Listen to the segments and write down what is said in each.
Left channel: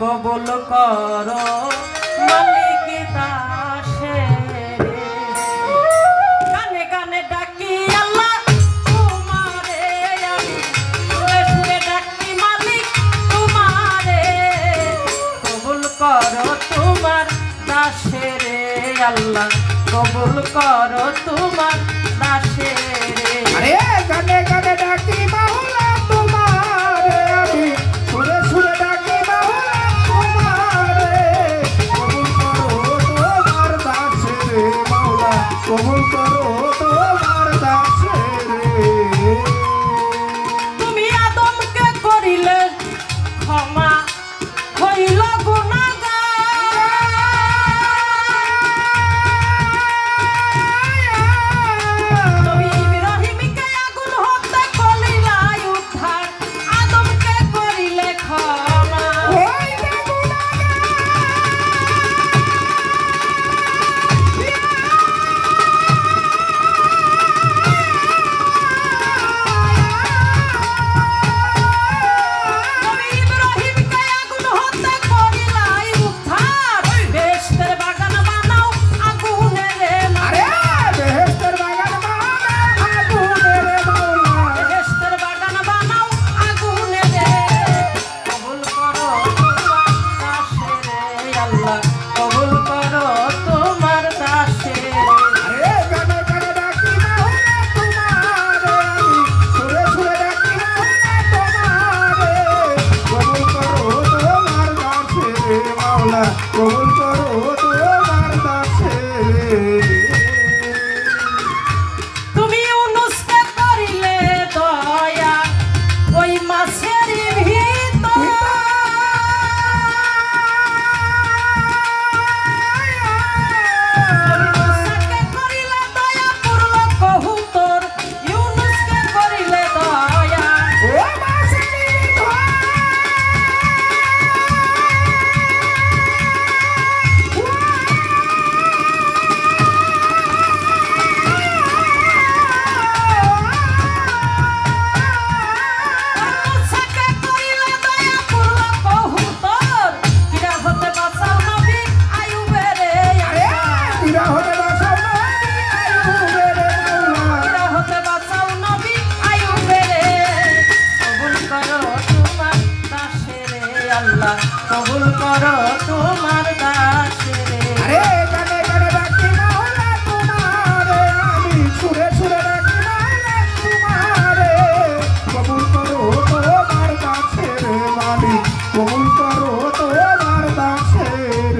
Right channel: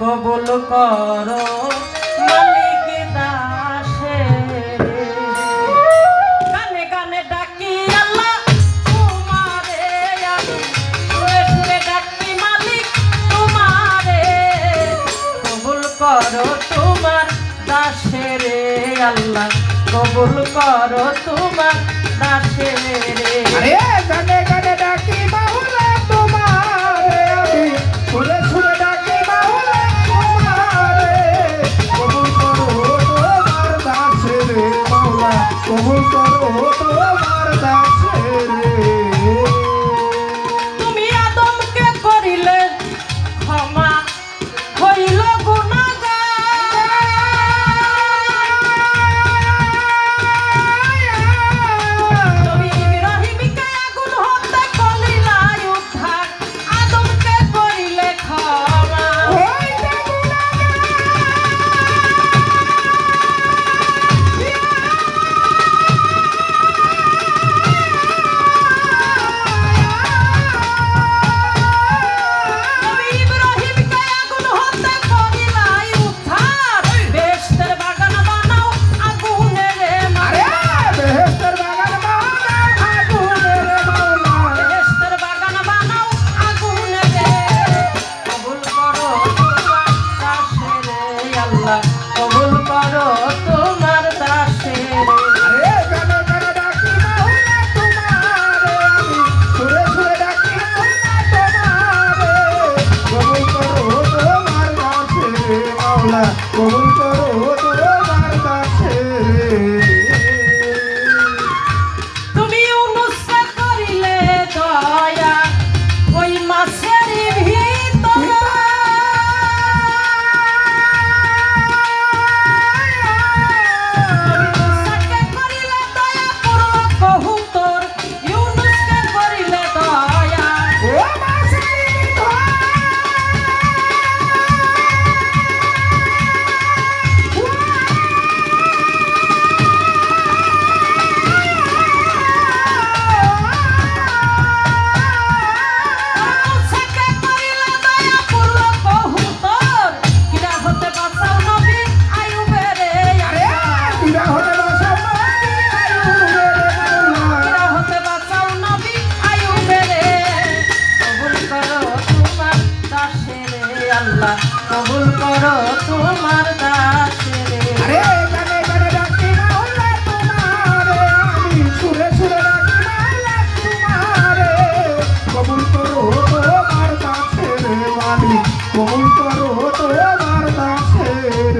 কবুল করো মালিক দাসের। গানে গানে ডাকি আল্লাহ তোমারে আমি, সুরে সুরে ডাকি মালিক তোমারে। কবুল করো তোমার দাসের আল্লাহ, কবুল করো তোমার দাসের। গানে গানে ডাকি মাওলা তোমারে আমি, সুরে সুরে ডাকি মাওলা তোমারে। কবুল করো তোমার দাসের মাওলা, কবুল করো তোমার দাসের। তুমি আদমকে করিলে ক্ষমা, হইল কবুল করো তোমার দাসের। গানে গানে ডাকি মাওলা তোমারে আমি, সুরে সুরে ডাকি মাওলা তোমারে। কবুল করো তোমার দাসের মাওলা, কবুল করো তোমার দাসের। তুমি ইউনুসকে করিলে দয়া, ওই মাছের ভিতর কবুল করো তোমার দাসের। গানে গানে ডাকি মাওলা তোমারে আমি, সুরে সুরে ডাকি মাওলা তোমারে। কবুল করো তোমার দাসের মালিক, কবুল করো তোমার দাসের।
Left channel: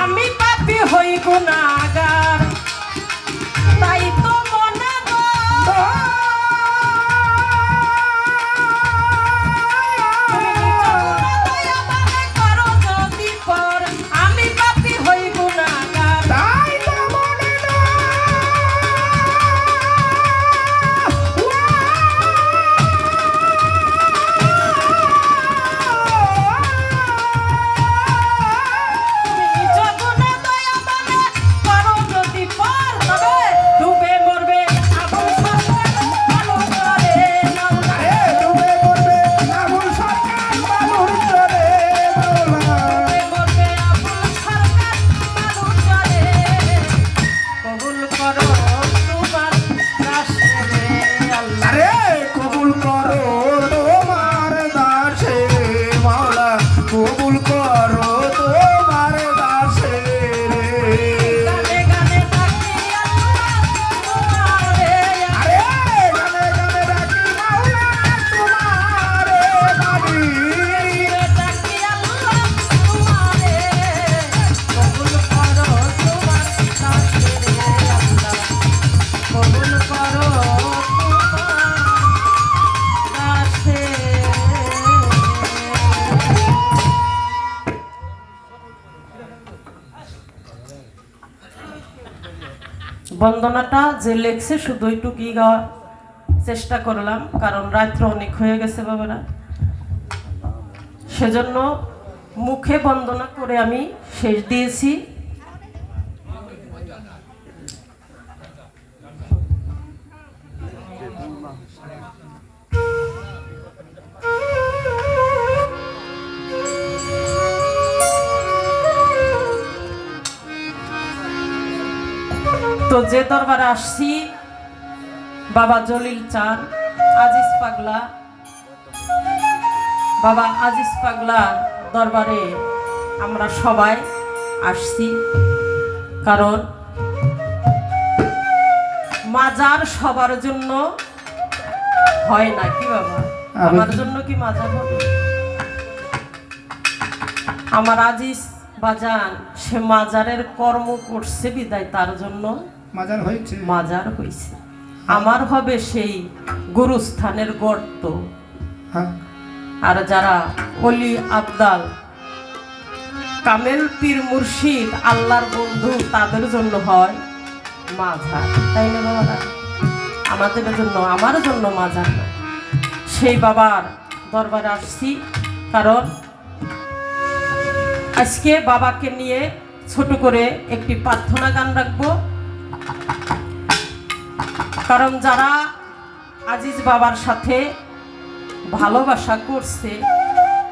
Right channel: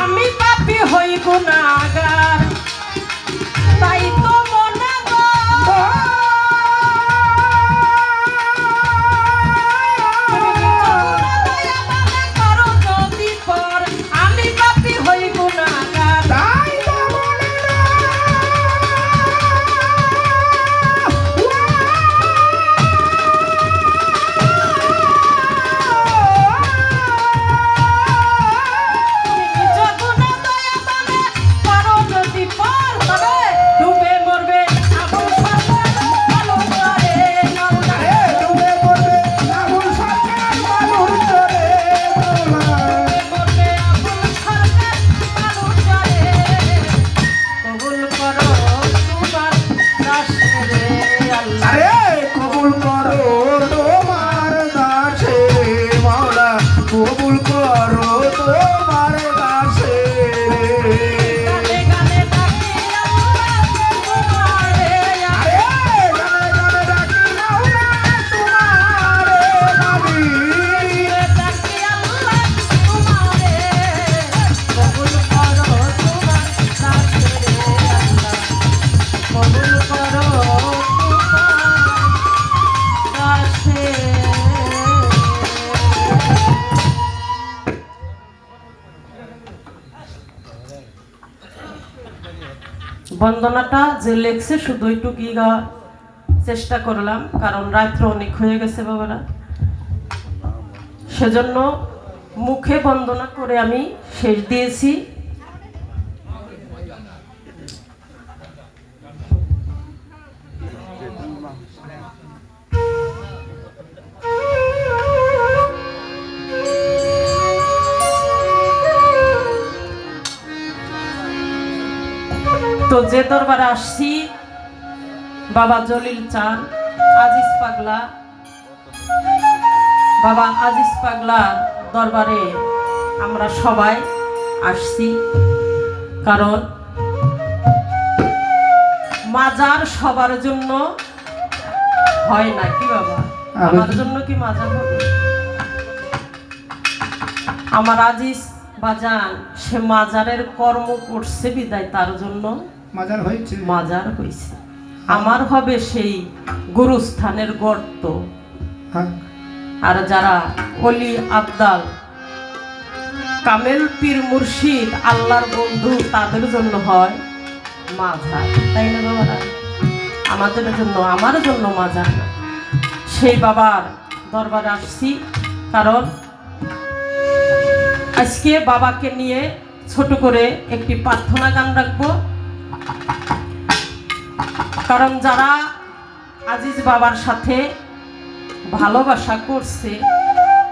আমি পাপী হই গুনাহগার, তাই তো মনে আমি পাপী হই গুনাহগার, তাই তো মনে তুমি নিজ গুণে দয়া মানে করো যদি পার, তবে ডুবে মরবে আবু সরকার আলু চরে মাওলা। ডুবে মরবে আবুল সরকার বালুর চরে মাওলা। মরবে আবু সরকার আলু চরে। কবুল করো তোমার দাসের আল্লাহ, কবুল করো তোমার দাসের মাওলা, কবুল করো তোমার দাসের। গানে গানে ডাকি আল্লাহ তোমারে আমি, গানে গানে ডাকি মাওলা তোমারে আমি, ডাকি আল্লাহ তোমারে। কবুল করো তোমার দাসের আল্লাহ, কবুল করো তোমার দাসের। বন্দনাটা যে লেখছে শুধু একটু কি গাওয়ার চেষ্টা করলাম, কারণ রাত্র অনেক হয়ে গেছে বাবারা, সেজন্য মুখে বন্দনা করে আমি শেষ দিয়েছি। তো যে দরবারে আসছি বাবা জলিল চান আজিজ পাগলা, বাবা আজিজ পাগলার দরবারে আমরা সবাই আসছি, কারণ মাজার সবার জন্য হয় না। কি বাবা, আমার জন্য কি মাজার হবে? আমার আজিজ বাজান সে মাজারের কর্ম করছে বিদায় তার জন্য মাজার হয়েছে। মাজার হয়েছে। আমার হবে সেই গুরুস্থানের গর্ত। হ্যাঁ, আর যারা অলি আবদাল কামেল পীর মুর্শিদ আল্লাহর বন্ধু তাদের জন্য হয় মাজার, তাই না বাবারা? আমাদের জন্য, আমার জন্য মাজার না। সেই বাবার দরবারে আসছি, কারণ আজকে বাবাকে নিয়ে ছোট করে একটি প্রার্থনা গান রাখবো। কারণ যারা আজিজ বাবার সাথে ভালোবাসা করছে,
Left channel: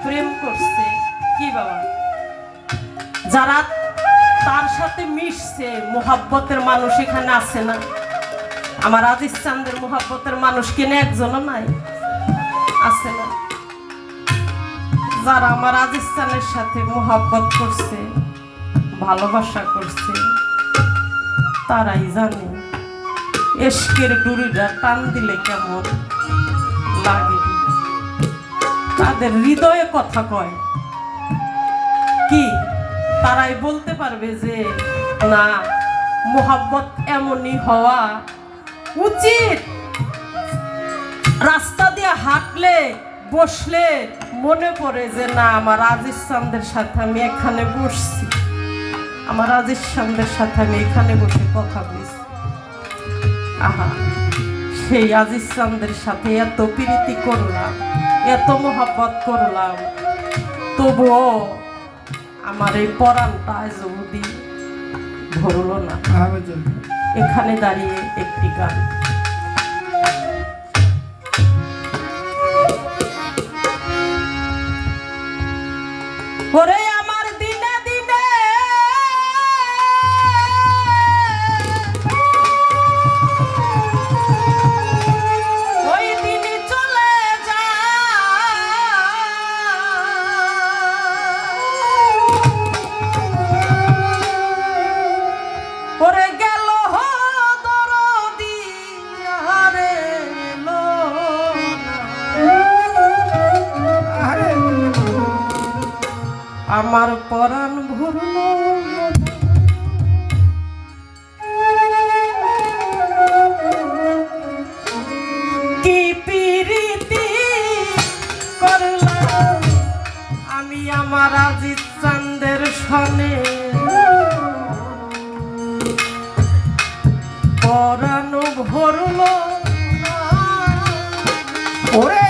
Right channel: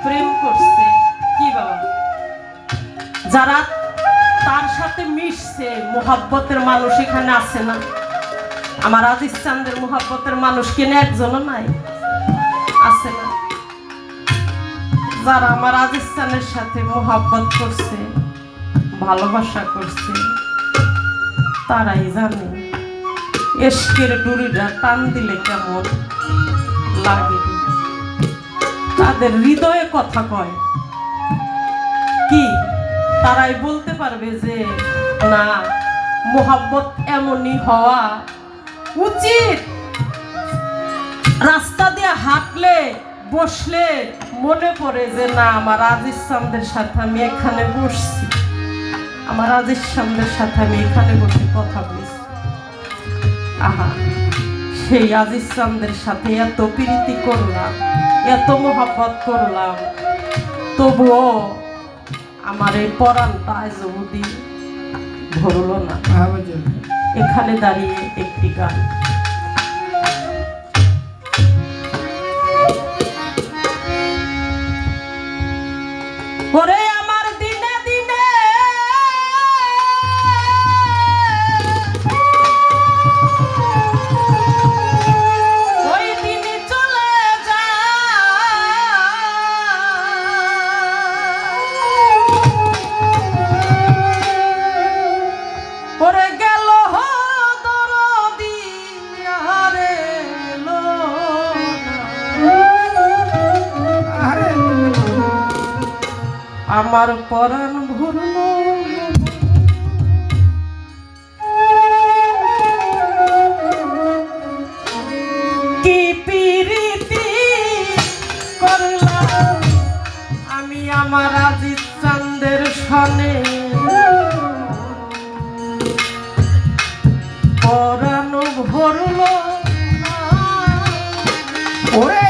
প্রেম করছে, কি বাবা, যারা তার সাথে মিশছে, মোহাব্বতের মানুষ এখানে আছে না? আমার আজিজ চান্দের মোহাব্বতের মানুষ কিনে একজনও নাই, আছে না? যারা আমার আজিজ চানের সাথে মোহাব্বত করছে, ভালোবাসা করছে, তারাই জানে এশকের ডুরিটা টান দিলে কেমন লাগে। তাদের হৃদয়ে কথা কয় কি, তারাই বলতে পারবে যে না, মোহাব্বত এমনই হওয়া উচিত। রাস্তা দিয়ে হাঁটলে বসলে মনে পড়ে যে না, আমার আজিজ চান্দের সাথে আমি এখানে বসছি, আমার আজিজ চান্দের সাথে আমি এখানে বসে কথা বলছি। আহা, সেই আজিজ চান্দের সাথে এত প্রীতি করলাম, এত মোহাব্বত করলাম, তবুও আমার এই পরাণটা আজ অবধি ভরল না। এখানে দাঁড়িয়ে একটি গান। ওরে আমার দিনে দিনে ওই দিনই চলে যায়। ওরে গেল দরদি আরে লো আমার পরাণ ভরল। কি প্রীতি করলাম আমি আমার আজিজ চান্দের সনে, পরাণ ভরল ওরে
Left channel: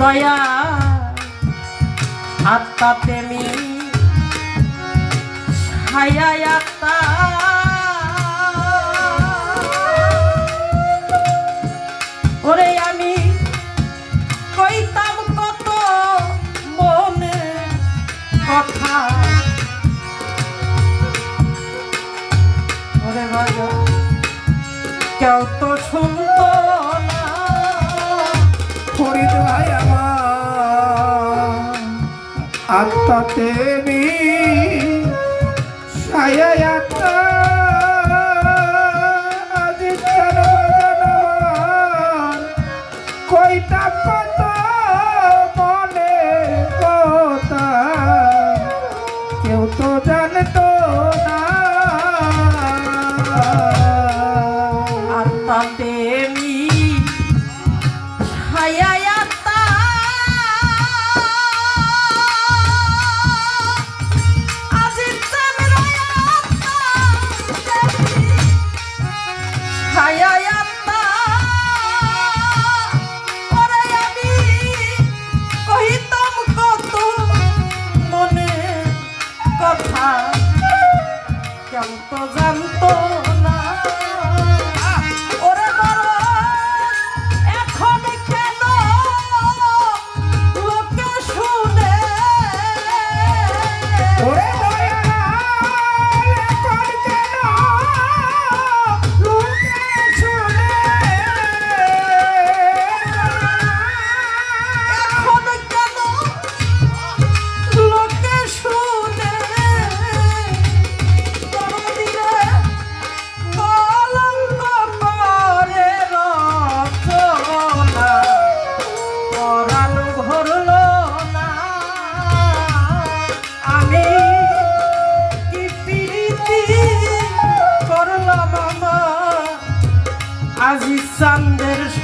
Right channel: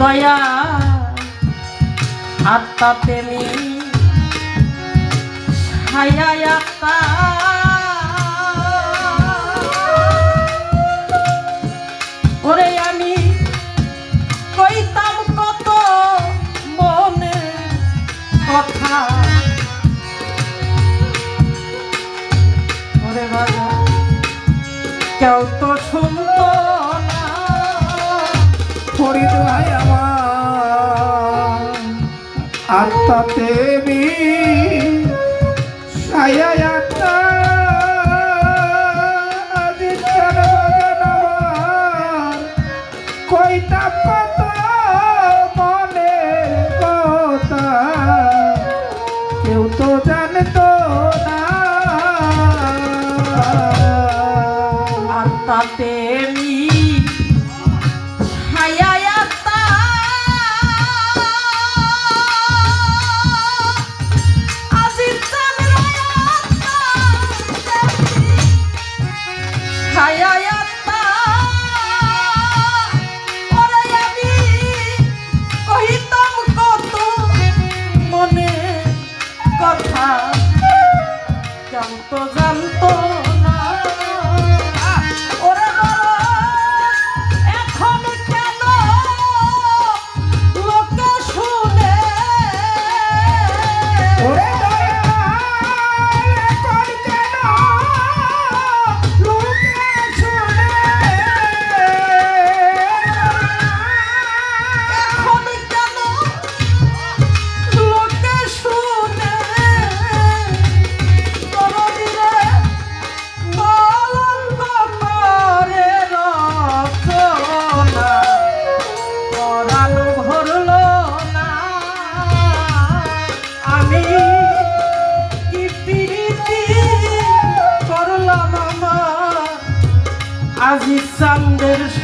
দয়া আত্মা প্রেমী ছায়া আত্মা, ওরে আমি কইতাম কত মনে কথা, ওরে বাবা কেউ তো শুনতো না। ফরিদ ভাই আমার আত্মা দেবী ছায়া আত্মা আজিজ চান বাজান আমার কইতা কত মনে কথা, কেউ তো জানতো না।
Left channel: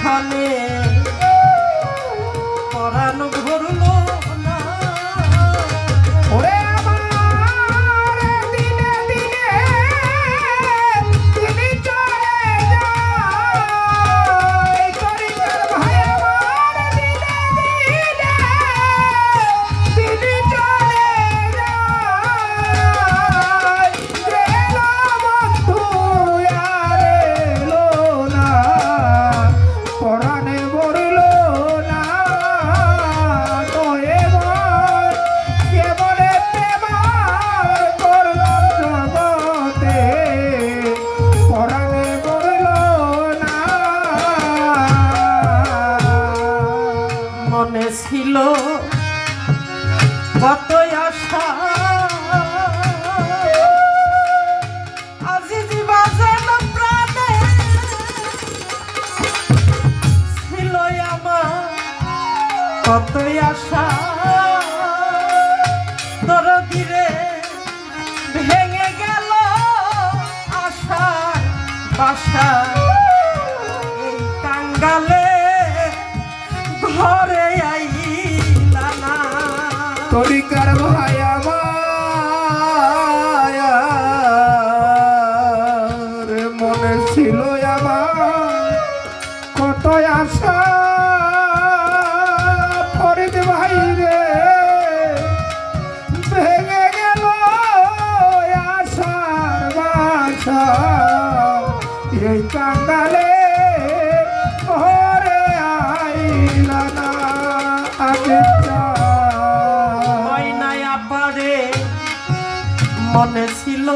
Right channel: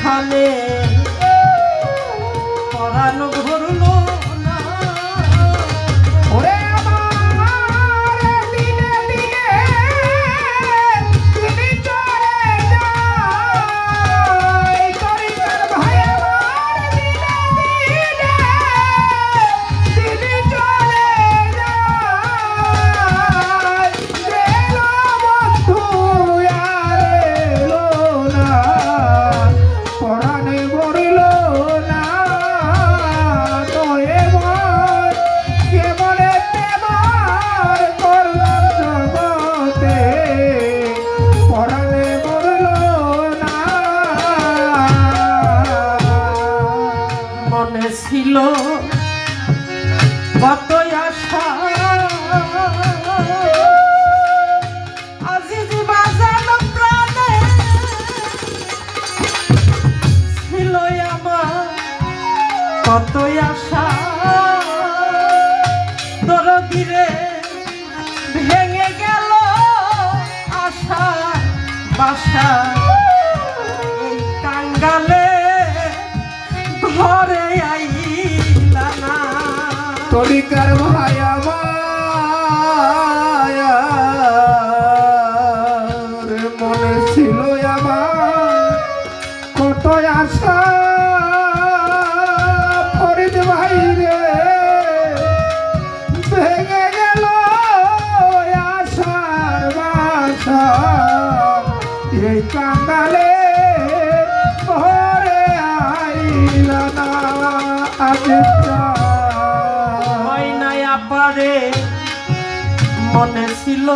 এখানে পরাণ ভরলো না। ওরে আমার দিনে দিনে তিনি চলে যায়, তরিকার ভাই আমার দিনে দিনে তিনি চলে যায়। এলো বন্ধু আর এলো না, পরাণে ভরলো না। দয়ে মন কেবলে প্রেমার করলাম জগতে, পরাণে ভরলো না। মনে ছিল কত আশা, আজিজ বাজানো প্রাণে ছিল আমার কত আশা। তোর দিরে ভেঙে গেল আশা বাসা, এই কাঙ্গালে ঘরে আইলা না। তরিকার ভাই আমার মনে ছিল আমার কত আশা, ফরিদ ভাই রে ভেঙে গেল আশার বাসা, এই কাঙ্গালে ঘরে আইলা না। ময়নায়া পারে মনে ছিল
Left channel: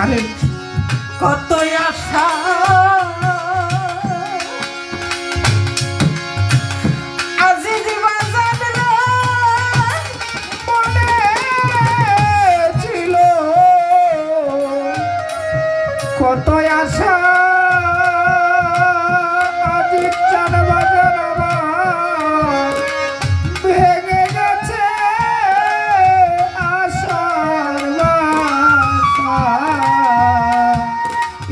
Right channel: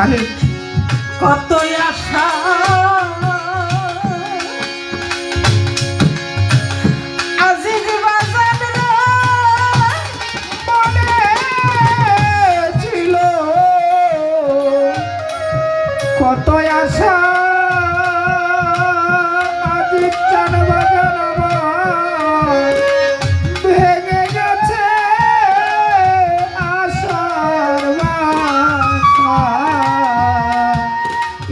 আরে কত আশা, আজিজ বাজান রে মনে ছিল কত আশা, আজ চান বাজান আমার ভেঙে গেছে আশার বাসা,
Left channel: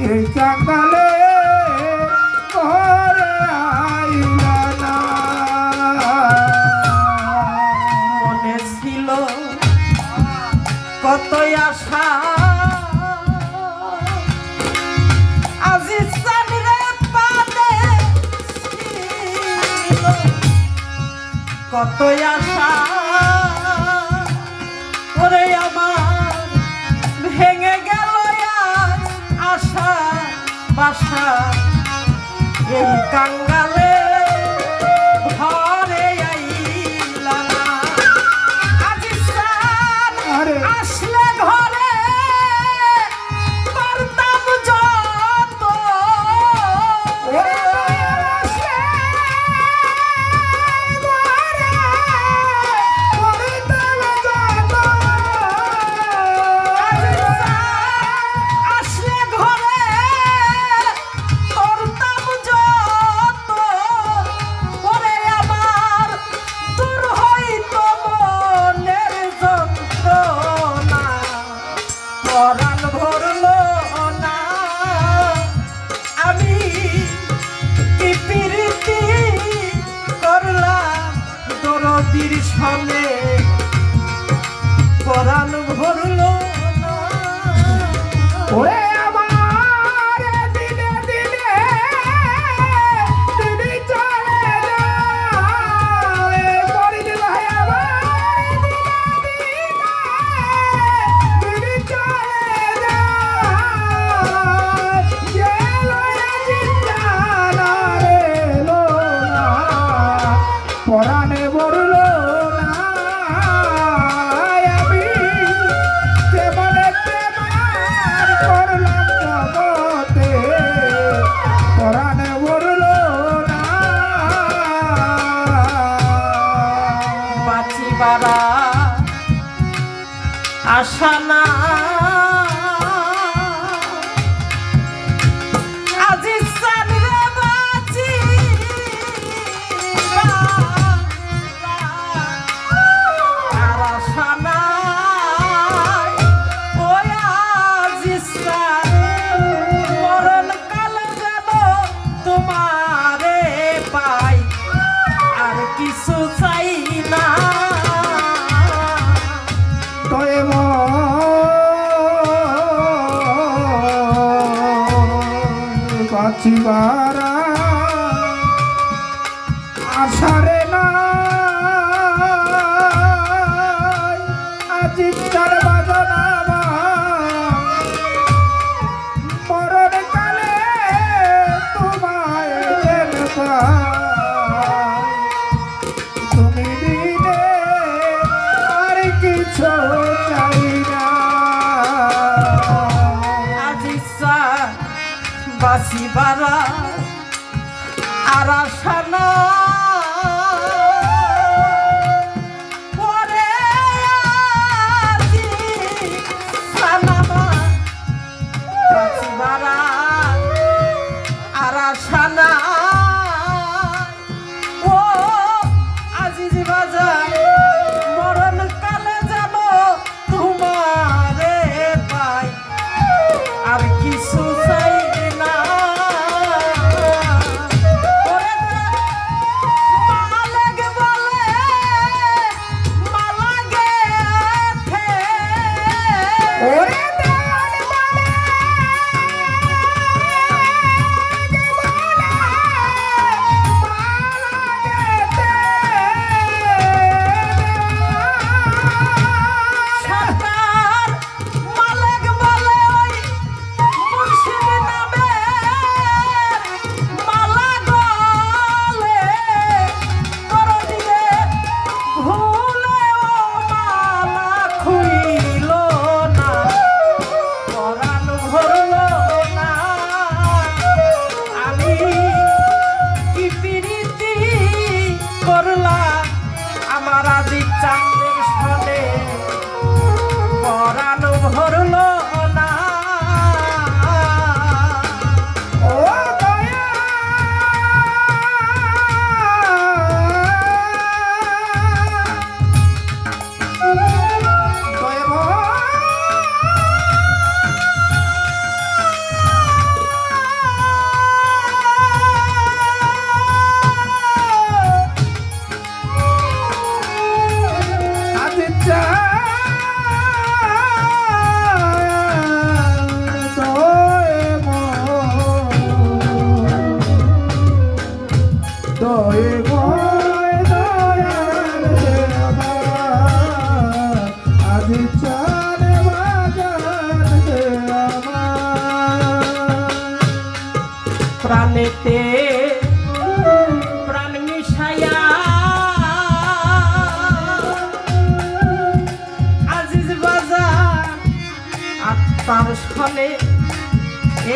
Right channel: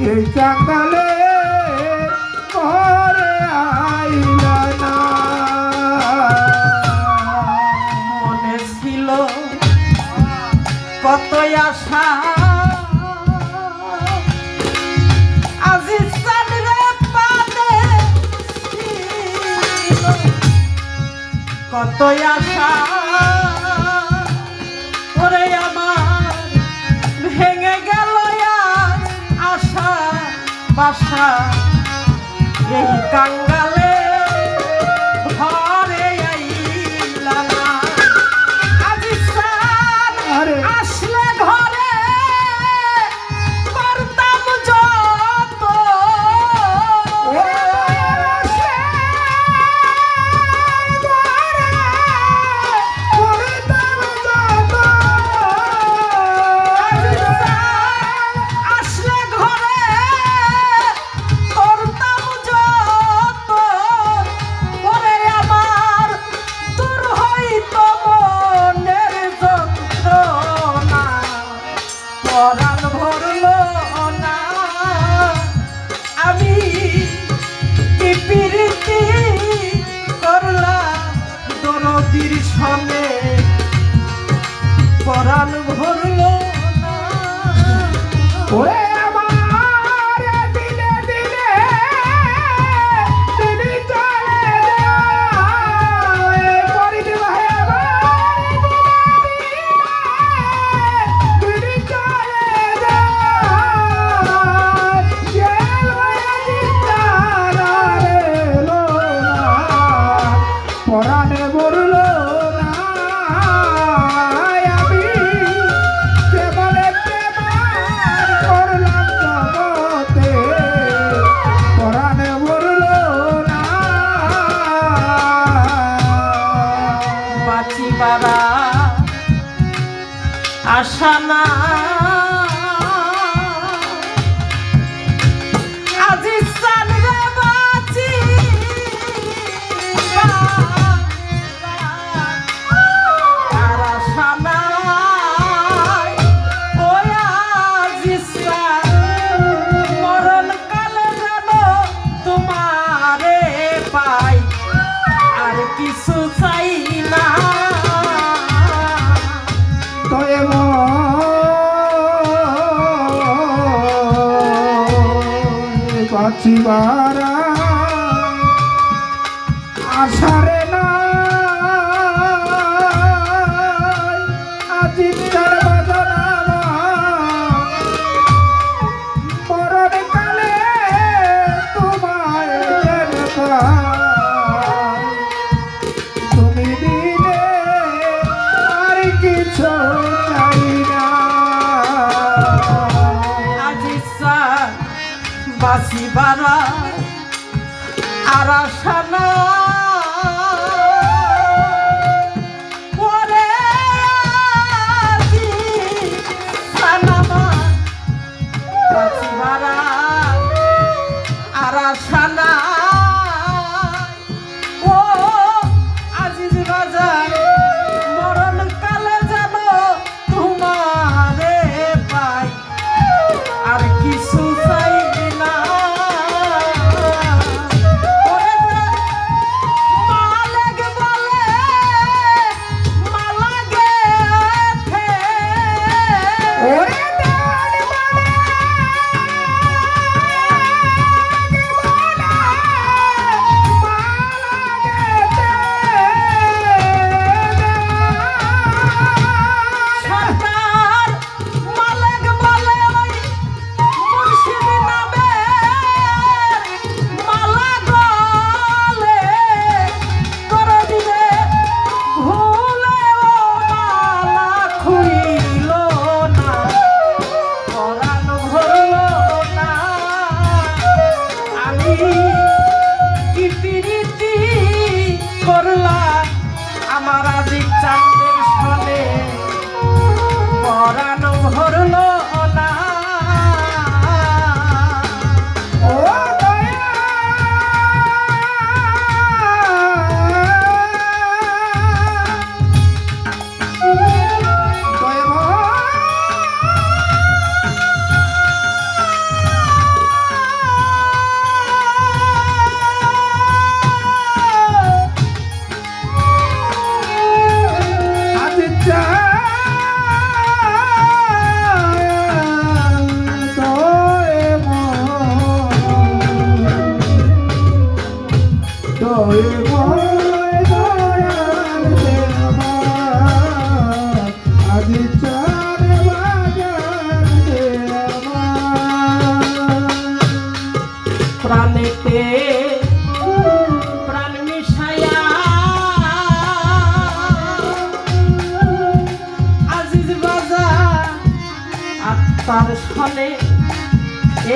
এই কাঙ্গালে ঘরে আইলা না। মনে ছিল কত আশা, আজিজ চান রে পানে ছিল কত আশা। ওরে আমার ভেঙে গেল আজ আশা বাসা, এই কাঙ্গালে ঘরে আইলা না। আজিজ চান আরে আসলে ঘরে করতাম যত, ওরে আসে ঘরে করতাম যত, আজিজ চান আসলে ঘরে করতাম যত। ওরে আমার দূর হইত মনের যন্ত্রণা, পরাণ ভরলো না। আমি কি প্রীতি করলাম দরদির সনে, পরাণ ভরলো না। ওরে আমার দিনে দিনে তিনি চলে যায়, ফরিদ ভাই আমার দিনে দিনে তিনি চলে যায়। এলো জিন্দানা রে এলো না, পরাণে ভরলো না। আমি কেবলে প্রেমার করলাম জগতে, পরাণে ভরলো না। বাঁচিবারা আশা না, আজিজ চান রে বাঁচিবা আর আশা নাই। ওই আজিজ চান মরণ কালে যেন তোমারে বাঁচিবারা আর আশা না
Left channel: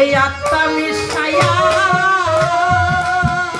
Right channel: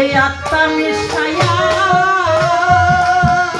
এই আত্মা মিশাই